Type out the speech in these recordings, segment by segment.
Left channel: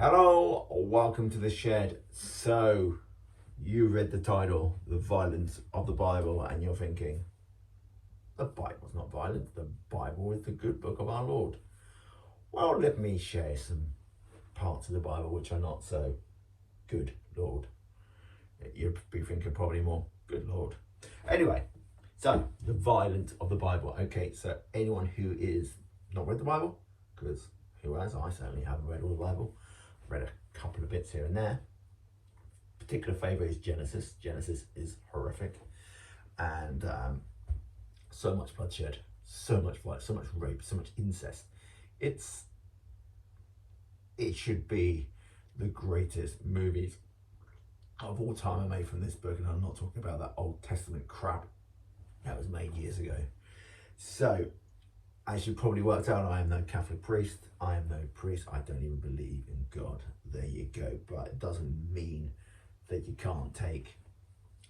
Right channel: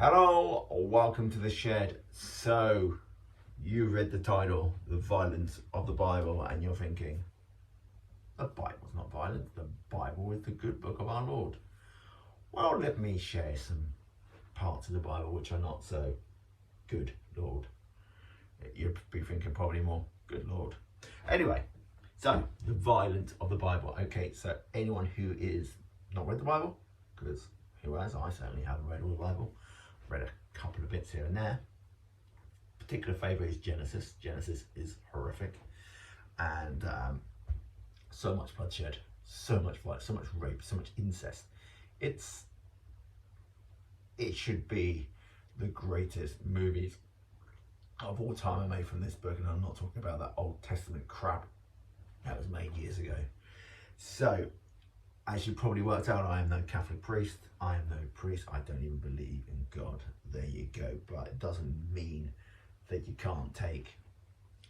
Hello, welcome to the shed. So, you read the title, The Violence of the Bible, and you're thinking, the Bible's not violent, the Bible is the good book of our Lord. Well, let me share some parts of the Bible which are not so good, Lord. You'd be thinking probably more, good Lord. Anyway, so, the violence of the Bible. Okay, so anyone who is not read the Bible, because who has? I certainly haven't read all the Bible. Read a couple of bits here and there. Particular favourite is Genesis. Genesis is horrific, and so much bloodshed, so much violence, so much rape, so much incest. It should be the greatest movies of all time are made from this book, and I'm not talking about that Old Testament crap that was made years ago. So, as you probably worked out, I am no Catholic priest. I am no priest. I don't even believe in God. There you go. But it doesn't mean that you can't take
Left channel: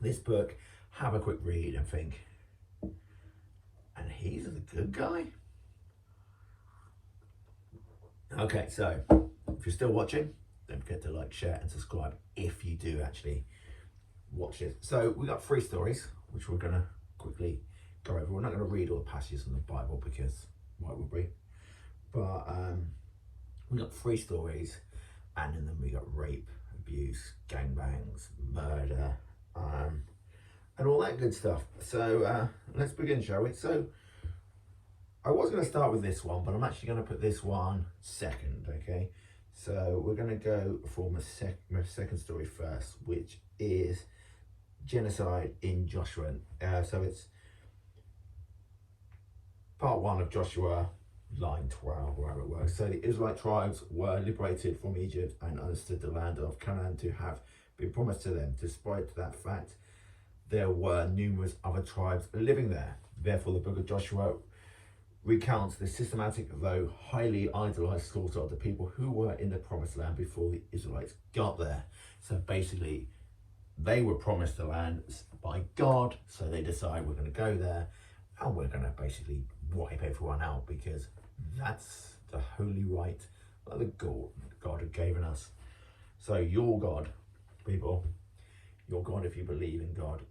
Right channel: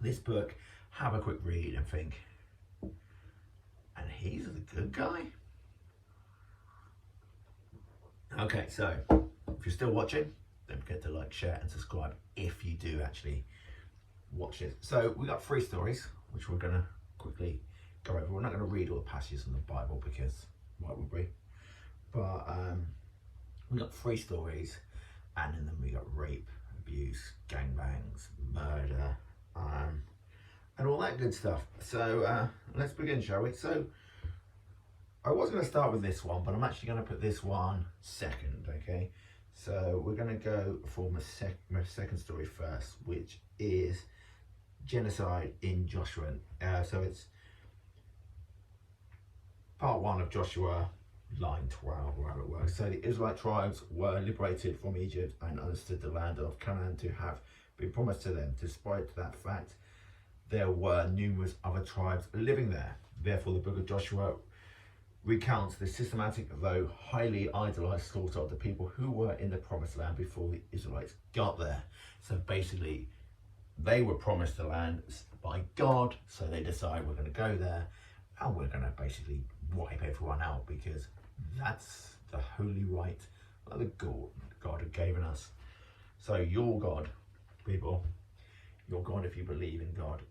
this book, have a quick read and think, and he's the good guy? Okay, so if you're still watching, don't forget to like, share and subscribe if you do actually watch it. So we got 3 stories, which we're going to quickly go over. We're not going to read all the passages from the Bible because why would we? But we got 3 stories, and then we got rape, abuse, gangbangs, murder, and all that good stuff. So let's begin, shall we? So I was going to start with this one, but I'm actually going to put this one second, okay? So we're going to go for my second story first, which is genocide in Joshua. So it's part 1 of Joshua, line 12, wherever it works. So the Israelite tribes were liberated from Egypt and understood the land of Canaan to have been promised to them. Despite that fact, there were numerous other tribes living there. Therefore, the book of Joshua recounts the systematic, though highly idolized slaughter of the people who were in the promised land before the Israelites got there. So basically, they were promised the land by God, so they decide we're going to go there and we're going to basically wipe everyone out because that's the holy right that the God had given us. So your God, people, your God, if you believe in God,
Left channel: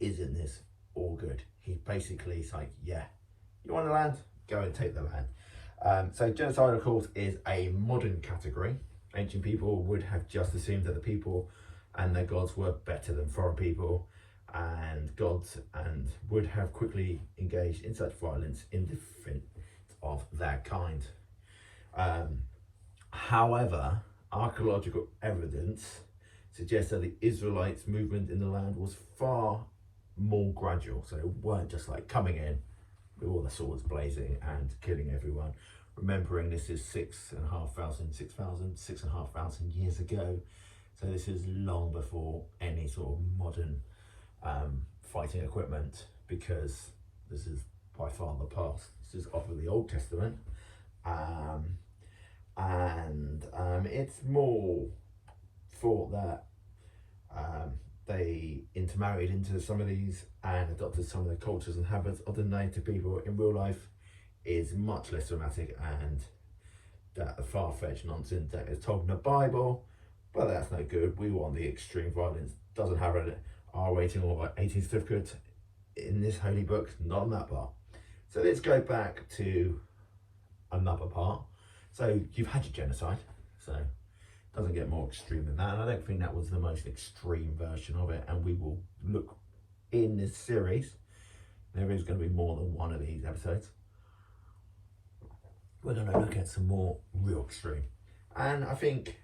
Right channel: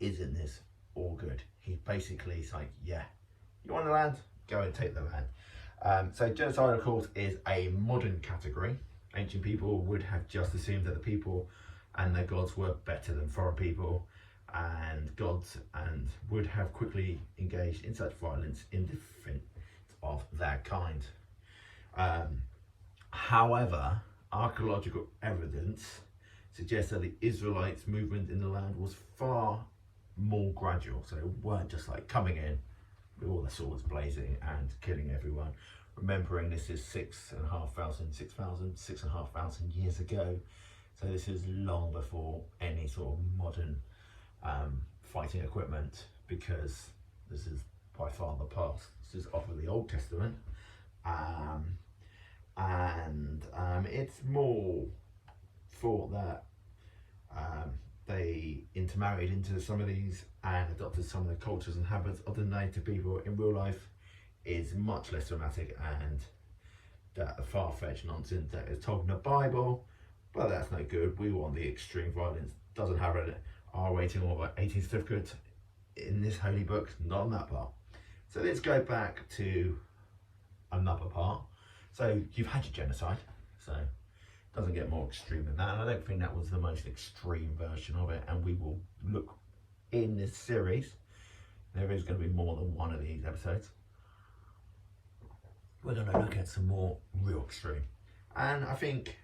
is in this all good. He's basically like, yeah, you want the land? Go and take the land. So genocide, of course, is a modern category. Ancient people would have just assumed that the people and their gods were better than foreign people and gods, and would have quickly engaged in such violence in defense of their kind. However, archaeological evidence suggests that the Israelites' movement in the land was far more gradual. So it weren't just like coming in with all the swords blazing and killing everyone. Remembering this is 6,500 years ago. So this is long before any sort of modern fighting equipment, because this is by far the past. This is off of the Old Testament, and it's more thought that they intermarried into some of these and adopted some of the cultures and habits of the native people in real life is much less dramatic, and that the far-fetched nonsense that is told in the Bible, but that's no good. We want the extreme violence. Doesn't have an R rating or 18 certificate in this holy book, not on that part. So let's go back to another part. So you've had your genocide, so it doesn't get more extreme than that, and I don't think that was the most extreme version of it, and we will look in this series, there is going to be more than one of these episodes, we're going to look at some more real extreme. And I think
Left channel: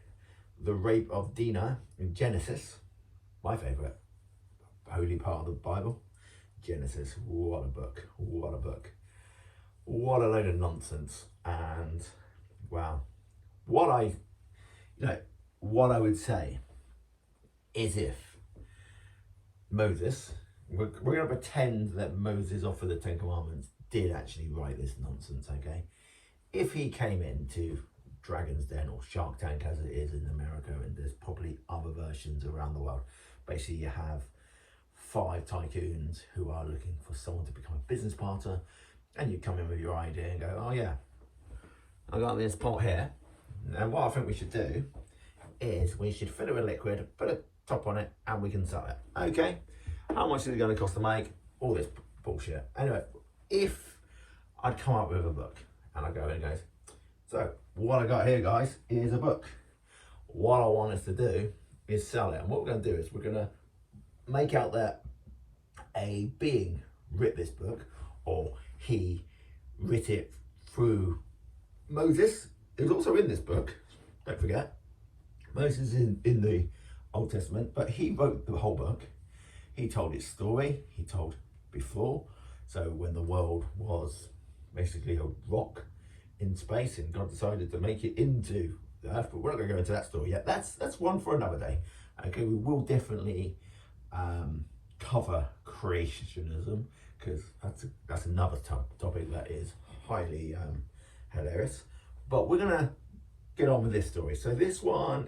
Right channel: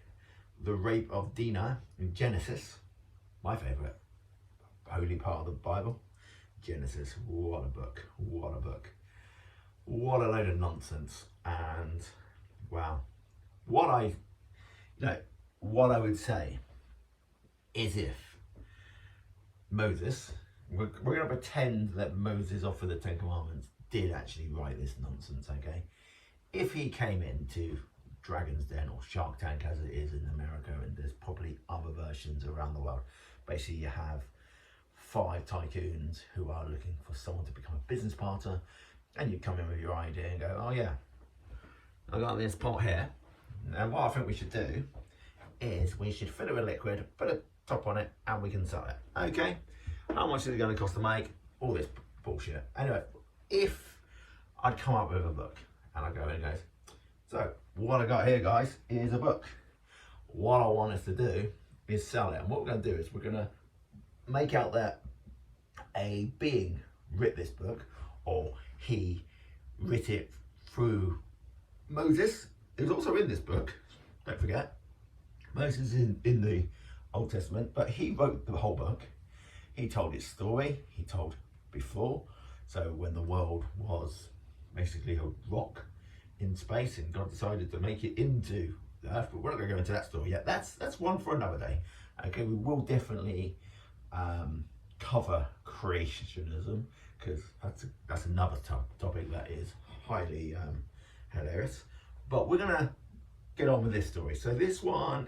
the rape of Dinah in Genesis, my favourite holy part of the Bible, Genesis, what a book, what a book, what a load of nonsense. And well, what I would say is, if Moses, we're going to pretend that Moses offered the 10 Commandments did actually write this nonsense, okay? If he came into Dragon's Den or Shark Tank as it is in America, and there's probably other versions around the world, basically you have 5 tycoons who are looking for someone to become a business partner, and you come in with your idea and go, oh yeah, I got this pot here, and what I think we should do is we should fill it with liquid, put a top on it, and we can sell it. Okay, how much is it going to cost to make? All this bullshit. Anyway, if I'd come up with a book, and I go in and goes, so what I got here, guys, is a book. What I want us to do is sell it, and what we're going to do is we're going to make out that a being writ this book, or he writ it through Moses, who's also in this book. Don't forget, Moses is in the Old Testament, but he wrote the whole book. He told his story. He told before, so when the world was basically a rock in space, and God decided to make it into the earth. But we're not going to go into that story yet. That's one for another day. Okay, we will definitely cover creationism, because that's another topic that is highly hilarious. But we're gonna get on with this story. So this one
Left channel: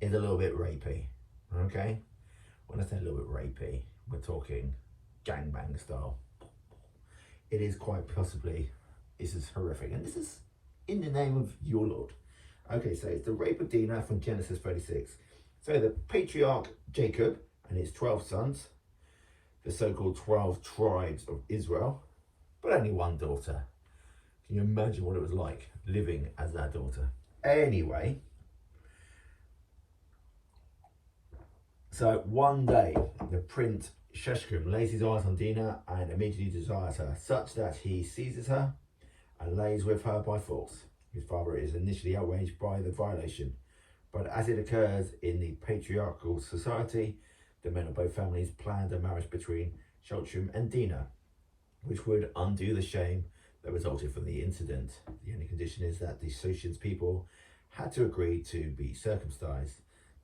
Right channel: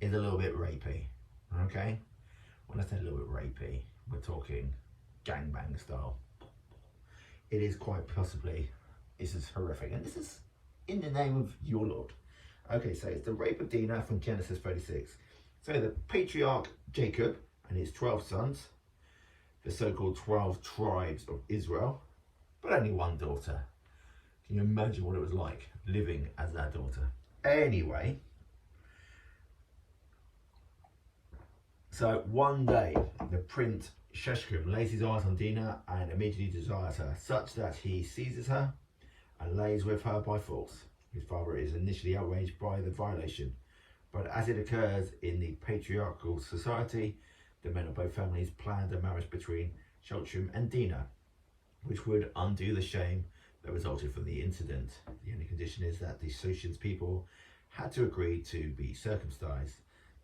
is a little bit rapey. Okay, when I say a little bit rapey, we're talking gangbang style. It is quite possibly, this is horrific, and this is in the name of your Lord. Okay, so it's the rape of Dinah from Genesis 36. So the patriarch Jacob and his 12 sons, the so-called 12 tribes of Israel, but only one daughter. Can you imagine what it was like living as that daughter? Anyway, so one day the prince Sheshkim lays his eyes on Dinah and immediately desires her, such that he seizes her and lays with her by force. His father is initially outraged by the violation, but as it occurs in the patriarchal society, the men of both families planned a marriage between Sheshkim and Dinah, which would undo the shame that resulted from the incident. The only condition is that the Sheshim's people had to agree to be circumcised.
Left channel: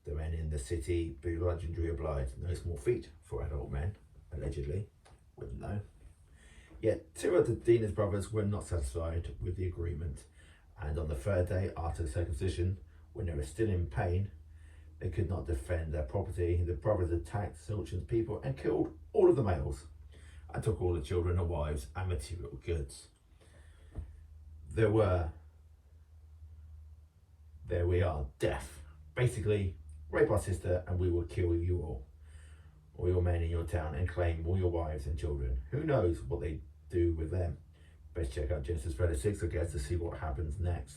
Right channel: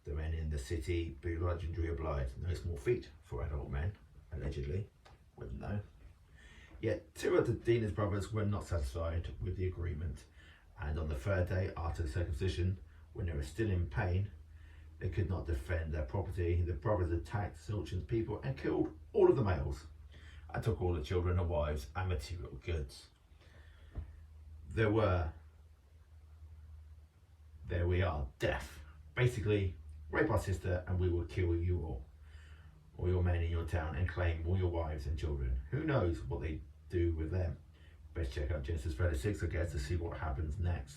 The men in the city begrudgingly obliged. No small feat for adult men, allegedly. Wouldn't know. Yet two of Dinah's brothers were not satisfied with the agreement, and on the third day after the circumcision, when they were still in pain, they could not defend their property. The brothers attacked Sheshim's people and killed all of the males, and took all the children and wives and material goods. There we are, death. Basically, rape our sister and we will kill you all your men in your town, and claim all your wives and children. Who knows what they do with them? Best check out Genesis 36, I guess, to see what happens next.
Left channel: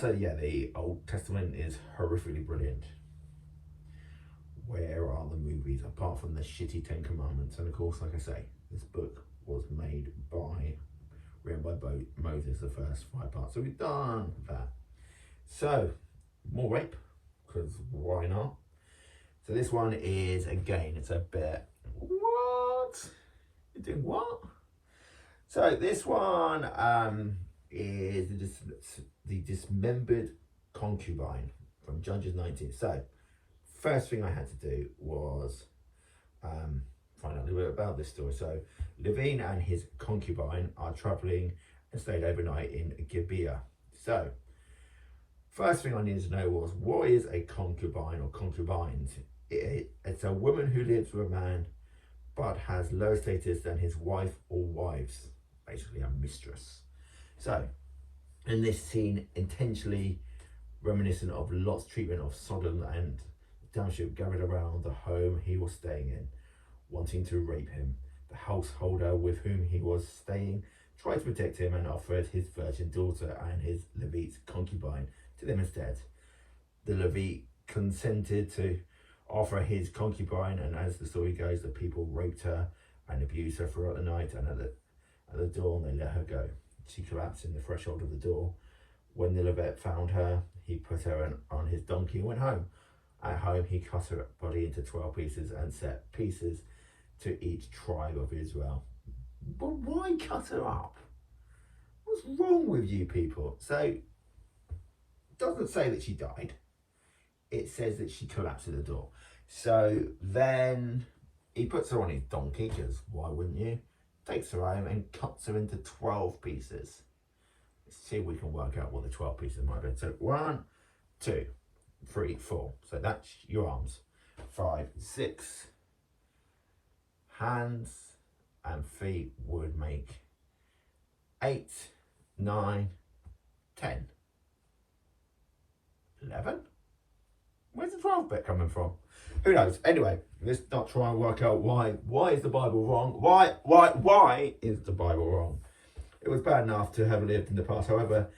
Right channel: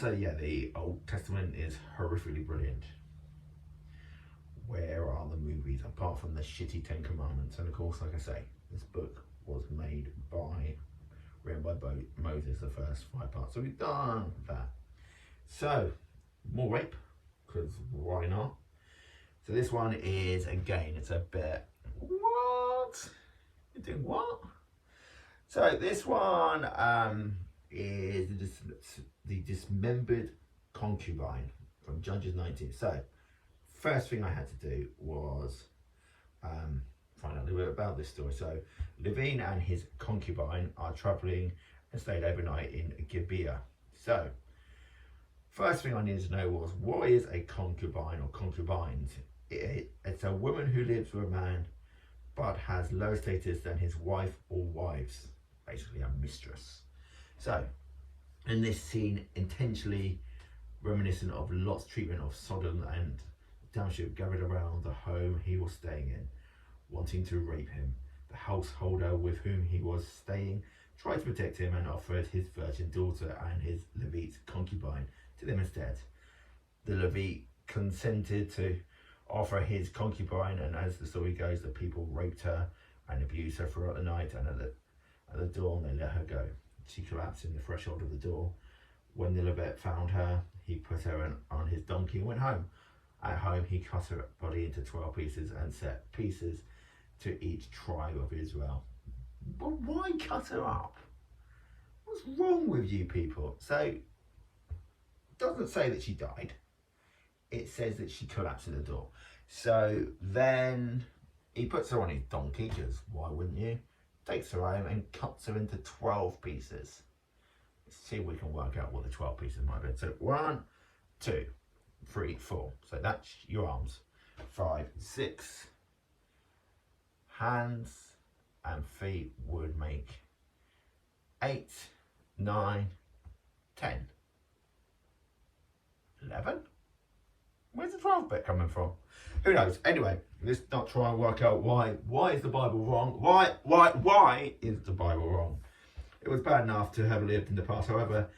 So yeah, the Old Testament is horrifically brilliant. Where are the movies, apart from the shitty 10 Commandments? And of course, like I say, this book was written by Moses, the first 5 parts. So we've done that. So, more rape, because why not? So this one is, again, it's a bit, what? You doing what? So this one is the dismembered concubine from Judges 19. So, first thing I had to do was find out a little bit about this story. So, Levine and his concubine are traveling and stayed overnight in Gibeah. So, first thing I needed to know was, what is a concubine or concubines? It's a woman who lives with a man but has lower status than his wife or wives, basically a mistress. So, in this scene, intentionally reminiscent of Lot's treatment of Sodom, and the township gathered around the home he was staying in, wanting to rape him. The householder with whom he was staying tried to protect him and offered his virgin daughter and his Levite concubine to them instead. The Levite consented to offer his concubine, and as the story goes, the people raped her and abused her throughout the night, and at the dawn they let her go. She collapsed in the threshold of the door. When the Levite found her, he put her on his donkey and went home. At home, he cut her body into 12 pieces and set pieces to each tribe of Israel. But why cut her up? What's wrong with you people? So, it doesn't say that she died. It says that she collapsed in the door. So then he puts her on his donkey, because why wouldn't you? Takes her home and cuts her into 12 pieces. Let's see if we can work out what the 12 pieces might be. So 1, 2, 3, 4. So that's your arms. 5, 6. Hands and feet would make 8, 9, 10. 11? Where's the 12th bit coming from? Who knows? Anyway, let's not try and work out why. Why is the Bible wrong? Why is the Bible wrong? It was bad enough to have lived in the past. However,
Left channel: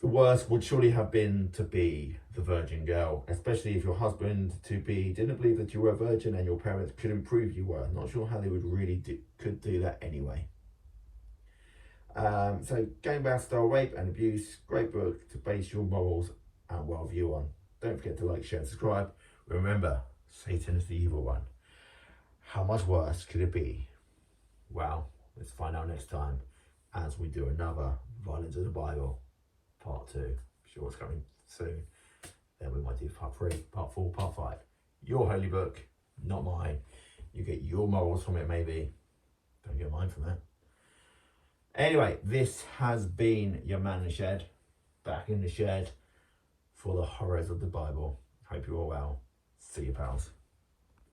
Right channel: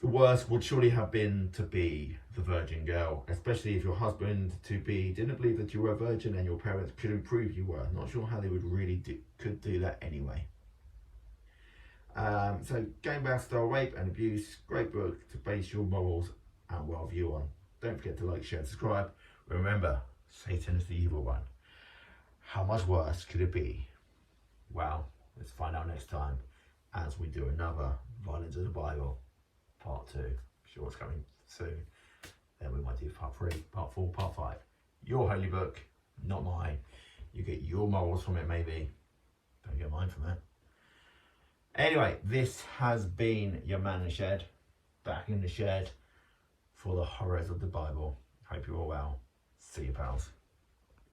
the worst would surely have been to be the virgin girl, especially if your husband-to-be didn't believe that you were a virgin and your parents couldn't prove you were. Not sure how they would really could do that anyway. So, Game About Style Rape and Abuse, great book to base your morals and worldview on. Don't forget to like, share and subscribe. Remember, Satan is the evil one. How much worse could it be? Well, let's find out next time as we do another Violence of the Bible. Part 2. Sure what's coming soon. Then we might do part 3, part 4, part 5. Your holy book, not mine. You get your morals from it, maybe. Don't get mine from that. Anyway, this has been your man in the shed. Back in the shed for the horrors of the Bible. Hope you're all well. See you, pals.